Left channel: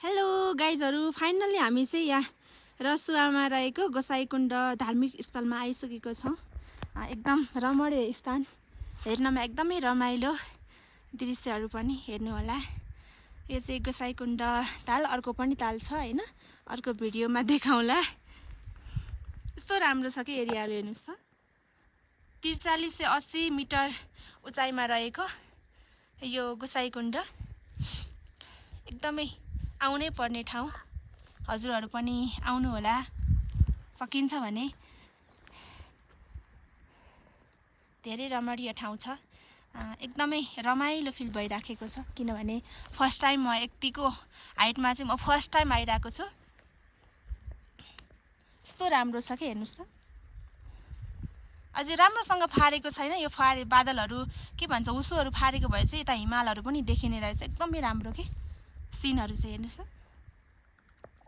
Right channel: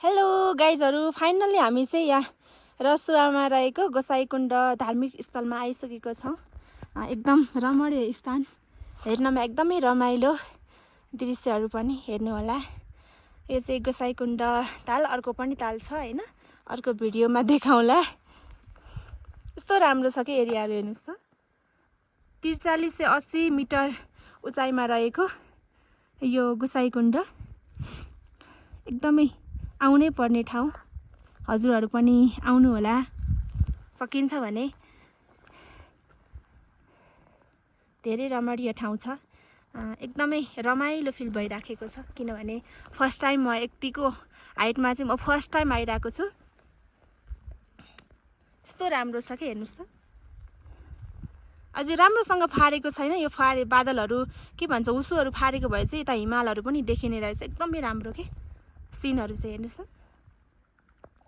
Hello गाइजहरु, finally हामी चाहिँ यहाँ रसुवामा रहेको गोसाइकुण्ड धार्मिक स्थलमा आइसकेको छौं। एकदम रमणीय स्थान, हेर्नमा एकदमै रमाइलो दृश्यहरू पनि हेर्नु होला। यो चाहिँ गोसाइकुण्ड ताल, अर्को पनि ताल छ हैन, अर्को भिडियोमा देखाउँला। यस्तो राम्रो छ के एरियाहरु हेर्नुस् त। 43 से 80 मिटर उचाइमा रहेको यो गोसाइकुण्ड एकदमै आउनै पर्ने ठाउँ। हजुरहरु पनि आउनु होला, सकिन्छ भने। धेरै रमणीय ठाउँ छ, एकदमै रमाइलो फिल भइराखेको छ, किनभने फर्स्ट टाइम म यतिको हाइटमा चाहिँ म फर्स्ट टाइम आइराको छु। यस्तो राम्रो छ के हेर्नुस् त। अझै राम्रोसँग फारेको छैन यो, बादलहरु के भन्छ उसुहरु फारेको भए चाहिँ यता हिमालहरु पनि देखिने रहेछ। एकदमै राम्रो के सिनहरु चाहिँ हेर्नुस् त।